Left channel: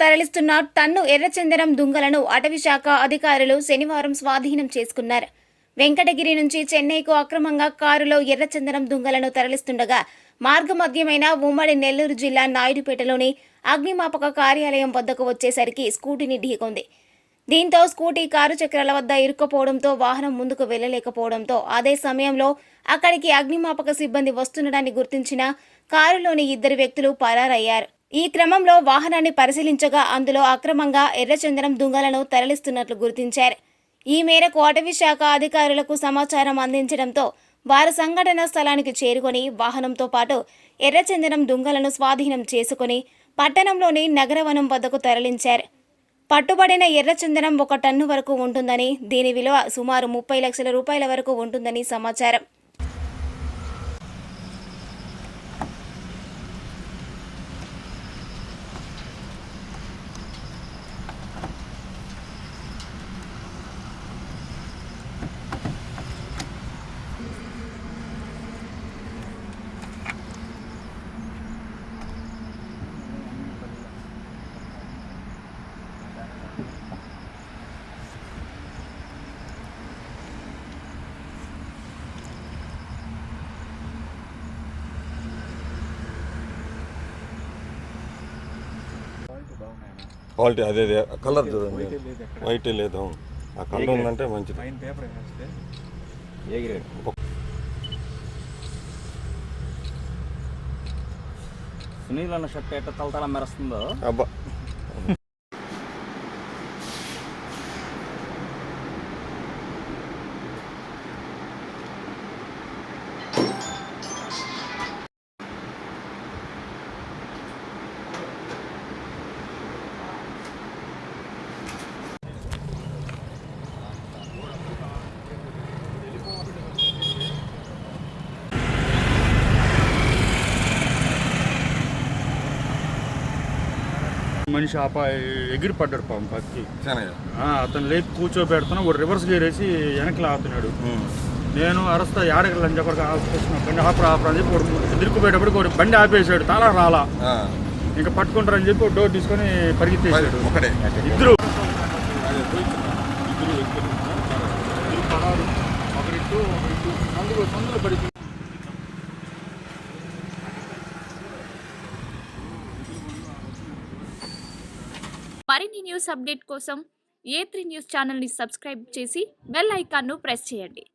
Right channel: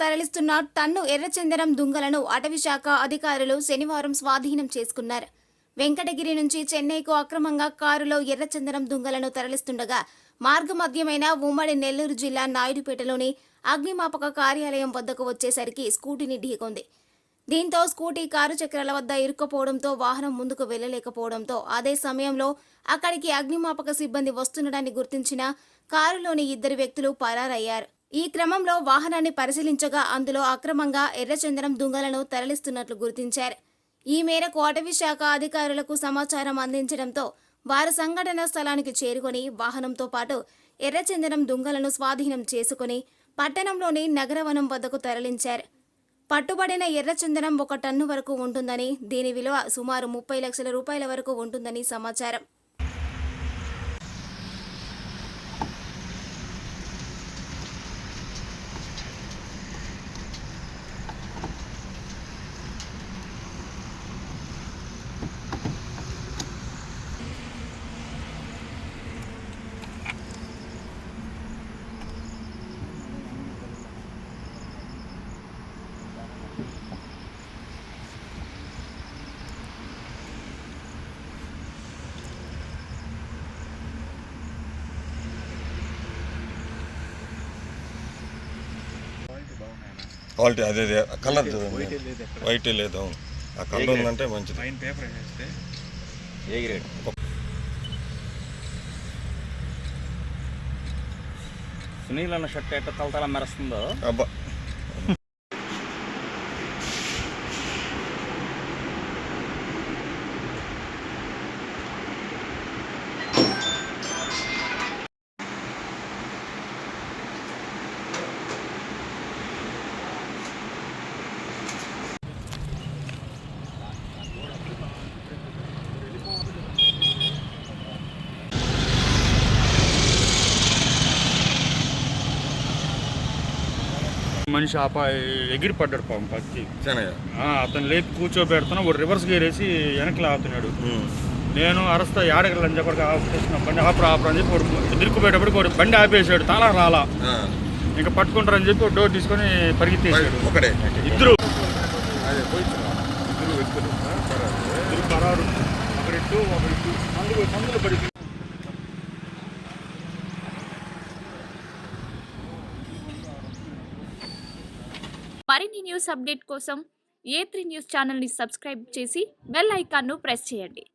తరలిస్తున్న టన్ను ఎర్రచందనం దుంగలను అటవీశాఖ అధికారులు శనివారం స్వాధీనం చేసుకున్నారు. వెంకటగిరి నుంచి చెన్నైకు అక్రమంగా కారులో ఎర్రచందనం దుంగలను తరలిస్తుండగా మార్గమధ్యమైన ఉమ్మడి నెల్లూరు జిల్లా నాయుడుపేటలోని అగ్నిమాపక కార్యాలయం వద్దకు వచ్చేసరికి స్కూటీని ఢీకొంది. దీంతో స్కూటీ కారు చక్రాల వద్ద ఇరుక్కుపోవడంతో వాహనం ముందుకు వెళ్లలేకపోవడంతో అదే సమయంలో అక్కడికి అగ్నిమాపక సిబ్బంది వస్తుండడాన్ని గుర్తించిన కారులోని 2 వ్యక్తులు పరారయ్యారు. ఈ క్రమంలో వాహనాన్ని పరిశీలించగా అందులో అక్రమంగా ఎర్రచందనం దుంగలను తరలిస్తున్నట్లు గుర్తించారు. ఈ మేరకు అటవీశాఖ అధికారులకు సమాచారం అందించడంతో వారు సంఘటనా స్థలానికి చేరుకొని వాహనంతో పాటు ఎర్రచందనం దుంగలను స్వాధీనం చేసుకుని పట్టణంలోని నగరవనం వద్దకు తరలించారు. పట్టుబడిన ఎర్రచందనం 1 టన్ను వరకు ఉంటుందని, దీని విలువ సుమారు 30 లక్షల రూపాయల వరకు ఉంటుందని సమాచారం. క్వాలిటీ అదే కలర్ చూడండి, వైట్ లేదు. ఆ కలర్ ఉందంటే మంచిది. సునీల్ అన్న షర్ట్ ఎట్ట తలతల మెరుస్తుందో అబ్బా. మనిషి ఎగిరి పడ్డాడు పాపం పత్తి. అతను లేపి కూర్చోబెడుతున్నా వాడు రివర్స్ గేర్ వేసి వెనక్కి లాగుతున్నాడు. నేను అరస్తా ఏడగలని చెప్పి బండి ఆపరా అని చెప్పి వాడు ఎదురుకుపోయేటప్పుడు వాడు బండి ఆపేసాడు, తాళం రాలా. ఇంకా పట్టుకుంటారని చెప్పి డోర్ తీసుకొని పరిగెత్తేసాడు. ఇద్దరు మరిన్ని న్యూస్ అప్డేట్ కోసం A3 న్యూస్ ఛానల్ని సబ్స్క్రైబ్ చేసి బెల్ ఐకాన్ను ప్రెస్ చేయండి.